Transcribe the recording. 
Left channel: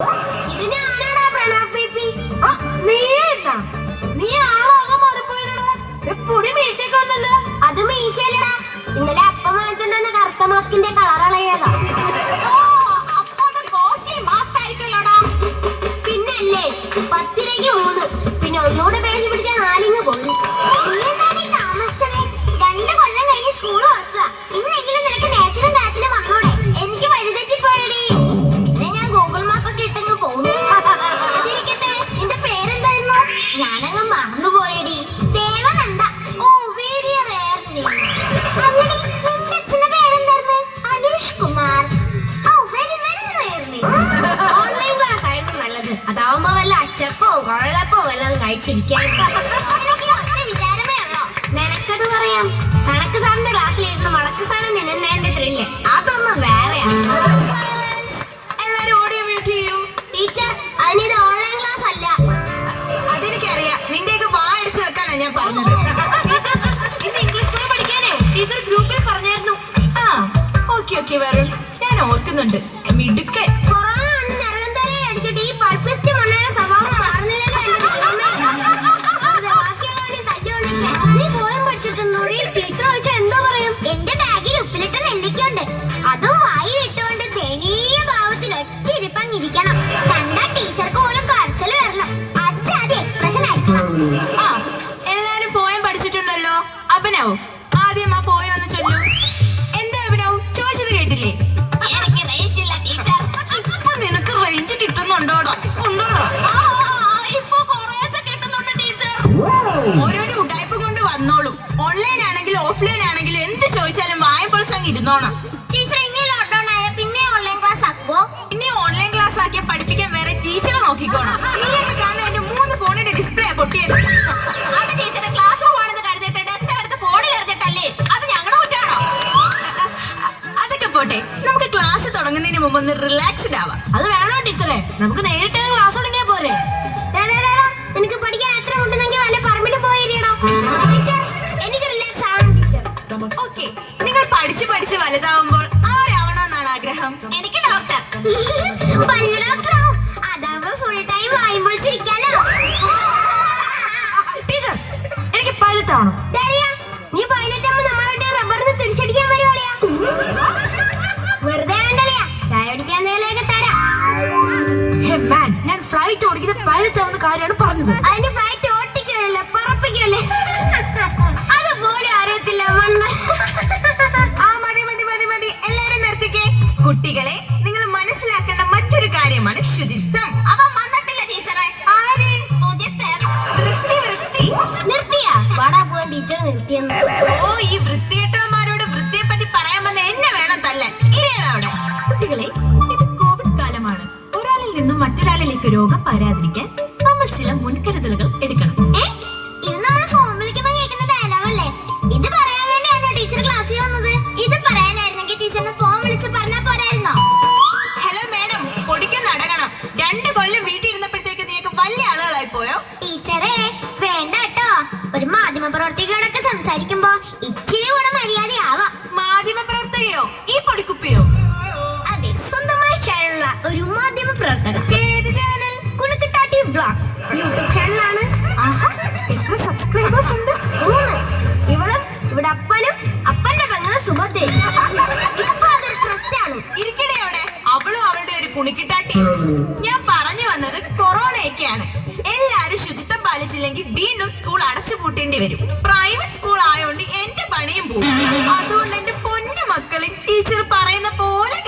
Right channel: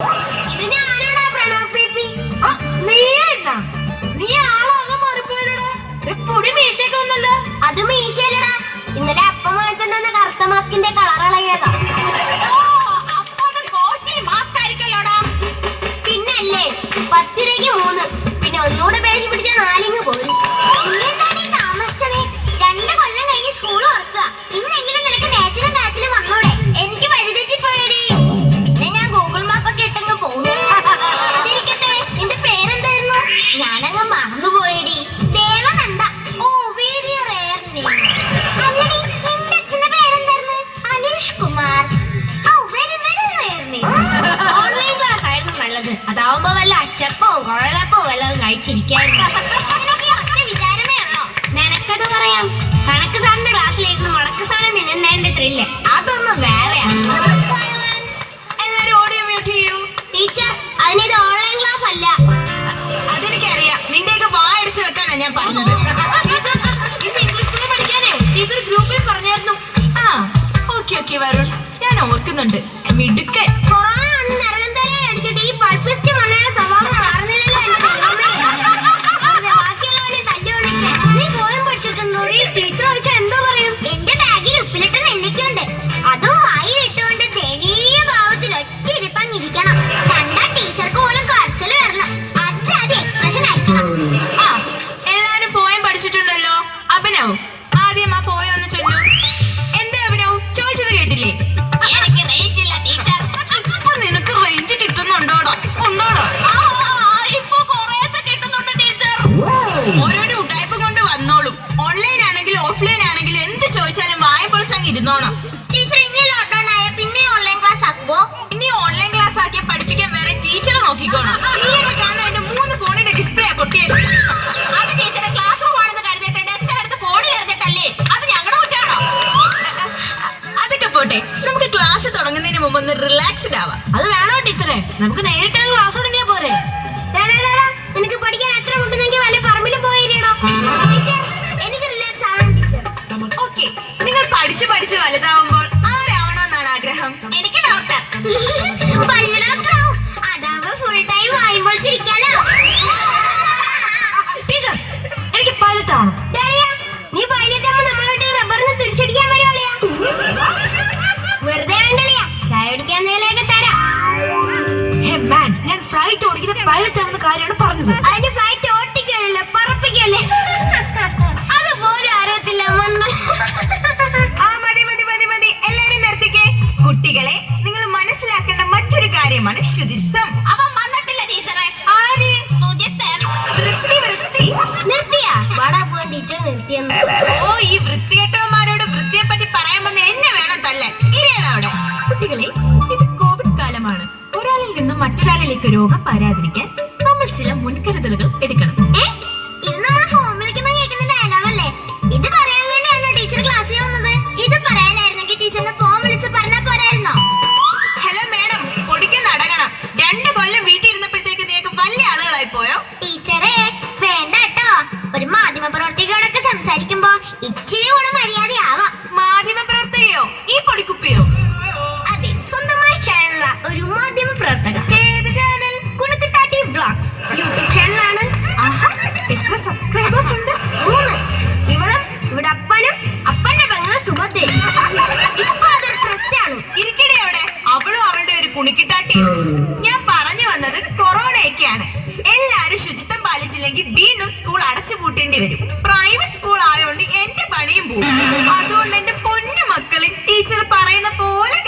ഇതിനെ ആരാടാ പ്രണവ് ബേബി? നീ ആളാകെ മാറിപ്പോയല്ലോടാ. പൊടി മീശയൊക്കെ വന്നല്ലോ. അത് മീശയല്ലടാ, ഇന്നലെ അപ്പം വാങ്ങിച്ചിട്ടുണ്ടെന്ന് കറുത്ത മാസ്കിന്റെ കളർ അളയതാ. പിന്നല്ലേ 10 രൂപയ്ക്ക് 3, പിന്നെ ഒന്നുകൂടെ പേശി പിടിച്ച 4 പോരും. താമസിച്ചത് 2 കൊല്ലം കഴിഞ്ഞ് സ്കൂൾ തുറക്കുക. ഇന്നെങ്കിലും നിനക്ക് നേരത്തിലും കാറ്റിലും വന്നോടെ. എനിക്ക് വഴിതെറ്റി പോയടി. പിന്നെ ഞാൻ ഗൂഗിൾ മാപ്പൊക്കെ ഇട്ടങ്ങ് പോകുന്നു. അതിരിക്കട്ടെ, നിന്റെ പേരെന്തായിരുന്നു? ഞാനങ്ങ് മറന്നുപോയടി. ദേവനന്ദ. ഓ, വെരി റെയർ നെയിം. അല്ലടി, നിന്റെ അച്ഛന്റെ പേരെന്തായിരുന്നു? അനീഷ് കുമാർ. ഓ, very very rare name. Online class ആയിരുന്നു നല്ലത്. അതാവുമ്പോ വല്ല അച്ചപ്പോ കുഴലപ്പോ വല്ലതും കഴിച്ചിരിക്കായിരുന്നു. വിചാരമേ ഉള്ളോ? നിനക്കത് പറയാം. കണക്ക് സാറിന്റെ ക്ലാസ്സിലിരുന്ന് മടക്ക് സാധനം നിന്നതിന്റെ ത്രില്ല് അതൊന്നും വേറെയാണ്. ടീച്ചർ, അതിനിത് ഓൺലൈൻ ക്ലാസ് അല്ല. അതെനിക്കറിയാം. നിന്റെയൊക്കെ വായടിച്ചു വെക്കാനാ ഞാൻ പറഞ്ഞത്. ഇത് ഇംഗ്ലീഷ് മീഡിയം പഠിക്കാനേ ടീച്ചർ ഗ്രൂപ്പിൽ പറഞ്ഞായിരുന്നു. ഓക്കെ വരുൺ, ഞാൻ ഓർക്കുന്നുണ്ട്. മിടുക്കൻ. അടിച്ചിട്ട് ഈ പൾപ്പിസ്റ്റ് മണ്ണയുടെ സ്വഭാവം മാറുന്നില്ലല്ലോ. ബാക്കിയുള്ളവരെ തല്ലുകൊണ്ടിരിക്കാൻ നീ പോയം പഠിച്ചിട്ടുണ്ടോ? ടീച്ചർ ചോദിച്ചാൽ എന്തോ പറയും? എന്റെ ബാഗിൽ ഉപ്പിലിട്ട നെല്ലിക്കുണ്ട്. അതും വായിലിട്ടുകൊണ്ട് ദയനീയ ഭാവത്തിൽ ഒറ്റ ഇരിപ്പങ്ങിരിക്കണം. കണ്ടാ ടീച്ചർക്ക് പോലും കരച്ചില് വരണം. അച്ഛാതി എക്സ്പ്രഷൻ ആയിരിക്കണം. എല്ലാരും പോയം പഠിച്ചിട്ടുണ്ടല്ലോ. അഭിനവ്, ആദ്യം ആ പോയം ഒന്ന് ചൊല്ലു. എന്താ അഭിനവ് ചോദിച്ചത് കേട്ടില്ലേ? എനിക്ക് റേഞ്ച് ഇല്ല ടീച്ചർ. ഇപ്പൊ നിനക്ക് റേഞ്ച് കിട്ടുന്നുണ്ടോടോ? ഉണ്ടോടോ? ഇപ്പൊ കുറേശ്ശെ കിട്ടുന്നുണ്ട് ടീച്ചർ. ഓരോരോ ഉടായ്പ കൊണ്ട് വന്നോളും. ഓൺലൈൻ ആണെങ്കിലും ഓഫ്ലൈൻ ആണെങ്കിലും എന്ത് ചോദിച്ചാലും വായ പൊളിച്ചങ്ങ് ഇരുന്നോണം. ടീച്ചർ, ഇനി ലോക്ക്ഡൌൺ ആയ പിന്നെ ഓൺലൈൻ ക്ലാസ് ആക്കുവോ? ഇനി ഓൺലൈൻ ക്ലാസ് ആക്കിയ പഠിപ്പിക്കാൻ വേറെ ടീച്ചറെ നോക്കിക്കോണം. നീയൊക്കെ കാണുന്ന എന്റെ 3 ഫോണിന്റെ ഡിസ്പ്ലേ പൊട്ടിയത്. അത് ടീച്ചറെ ക്ലാസ് റൂം ആണെന്ന് കരുതിയിട്ട് ഡെസ്ക് എടുത്ത് ഫോണിൽ എറിഞ്ഞിട്ടല്ലേ? അത് ഞങ്ങളുടെ കുറ്റാണോ? അതൊക്കെ പോട്ടെ, നമുക്ക് ക്ലാസ് തുടങ്ങുന്നതിന് മുമ്പ് ഒന്ന് റിലാക്സ്ഡ് ആവാം. അത് വേണോ ടീച്ചറെ? നമുക്ക് നേരിട്ട് ക്ലാസ് തുടങ്ങിയാ പോരെ? നിനക്ക് പഠിക്കാൻ എത്ര മുട്ടുന്നെങ്കിൽ വല്ല പറമ്പിൽ പോയിരിക്കണോ? ടീച്ചർ, എനിക്ക് റിലാക്സ് ആവണം ടീച്ചർ. ഓക്കെ, നിങ്ങൾ പഠിച്ച് വലുതാവുമ്പോൾ ആരാവണമെന്നാണ് ആഗ്രഹം? എനിക്ക് ഡോക്ടർ. പല്ല് ഡോക്ടറാവും. അതാവുമ്പോ ഫുൾ ടൈം വായുമ്പോൾ ചിരിക്കാലോ. ടീച്ചർ, എനിക്ക് പൈലറ്റ് ആവണം. നീ പൈലറ്റാകുമ്പോ നമ്മളുടെ റബ്ബറിന് തിരിച്ചടിക്കാൻ വരുവാളിയാ. വെറുതെ വേണ്ടല്ലേ, ചായ കുടിക്കാൻ നേലൊക്കെ തരാം. ഞാൻ ഫ്ലൈറ്റ് ഓടിക്കുന്ന പൈലറ്റ് ആവുന്ന കാര്യമാണ് പറഞ്ഞത്. അതിന് ഫ്ലൈറ്റ് ഓട്ടിക്കല്ലേ, പറപ്പിക്കല്ലേ? അതുപോലെ അറിയത്തില്ല. മതി, എല്ലാരും നിർത്തിക്കേ. കുട്ടികളെ, നിങ്ങൾ മനസ്സിലാക്കേണ്ട മറ്റൊരു കാര്യമാണ് ശുചിത്വം. അവൻ വന്നിട്ടില്ല ടീച്ചറെ. ആര്? വൃത്തി. നിർത്തിയാ? വാടാ പോവാൻ ടീച്ചർ നിർത്തിയെന്ന്. ഓ, ഈ വൃത്തികെട്ടവന്മാരോട് വൃത്തിയെ പറ്റി പറയാൻ വന്ന എന്നെ വേണം തല്ലാൻ. ഇരയാണ് അവിടെ. കുട്ടികളെ, ഇത് കോവിഡ് കാലമാണ്. ഒരാളിൽ നിന്നും മറ്റൊരാളിലേക്ക് രോഗം പരാതിരിക്കാൻ നമ്മൾ ചില മുൻകരുതലുകൾ എടുക്കണം. ഇത് നമ്മൾ ഫോൺ വിളിക്കുമ്പോ കേൾക്കുന്ന ഡയലോഗല്ലേ? ഇത് പറയാൻ വേണ്ടിയാണോ ടീച്ചർ ക്ലാസ്സിൽ വന്നത്? ഇത് പറയാനായിരുന്നെങ്കിൽ ടീച്ചറിനെ ഫോൺ വിളിച്ച് പറഞ്ഞാ പോരായിരുന്നോ? ഹലോ മാഡം, പൊടിക്ക് നടക്കണം. 2 കൊല്ലം വീട്ടിൽ ഇരുന്നപ്പോഴത്തേക്ക് നീക്ക് വലിയ ആളുകളായി പോയോ? ടീച്ചറെ വേണ്ട കേട്ടോ. ഒരു മാധ്യമ പ്രവർത്തകയോടൊക്കെ സംസാരിക്കുമ്പോ ഇച്ചിരി കൂടെ മര്യാദയാവാം. മാധ്യമ പ്രവർത്തകയോ? ഈ പൊടിക്കുപ്പിയോ? അതെ, സ്വന്തമായി ചാനലുള്ള ഒരു മാധ്യമ പ്രവർത്തക. ഏത് ചാനൽ? കുണുക്കുട്ടാട്ടി വ്ലോഗ്സ് യൂട്യൂബ് ചാനലാണ്. എത്ര സബ്സ്ക്രൈബേഴ്സ് ഉണ്ട്? 3. ഇവിടെ അപ്പനും അപ്പന്റെ പെങ്ങളും സുഭദ്രയും. ഇപ്പൊ അതൊരു പ്രശ്നമാണ്. ഇരിക്കട്ടെ അവിടെ. അവളും അവളുടെ ഒരു കുണിക്കിട്ടാട്ടി. ഞാൻ പറഞ്ഞു വന്നത് കൊറോണയൊക്കെയാണ്. എല്ലാരും ശുചിത്വം പാലിച്ചില്ലെങ്കിൽ വീണ്ടും സ്കൂൾ അടച്ചു പൂട്ടേണ്ടി വരും. പ്രൈവറ്റ് സ്കൂൾ ആയതുകൊണ്ട് എന്റെ പണിയും പോകും. അതുകൊണ്ട് എന്റെ പൊന്നു മക്കളെ ടീച്ചർ പറയുന്ന പോലെ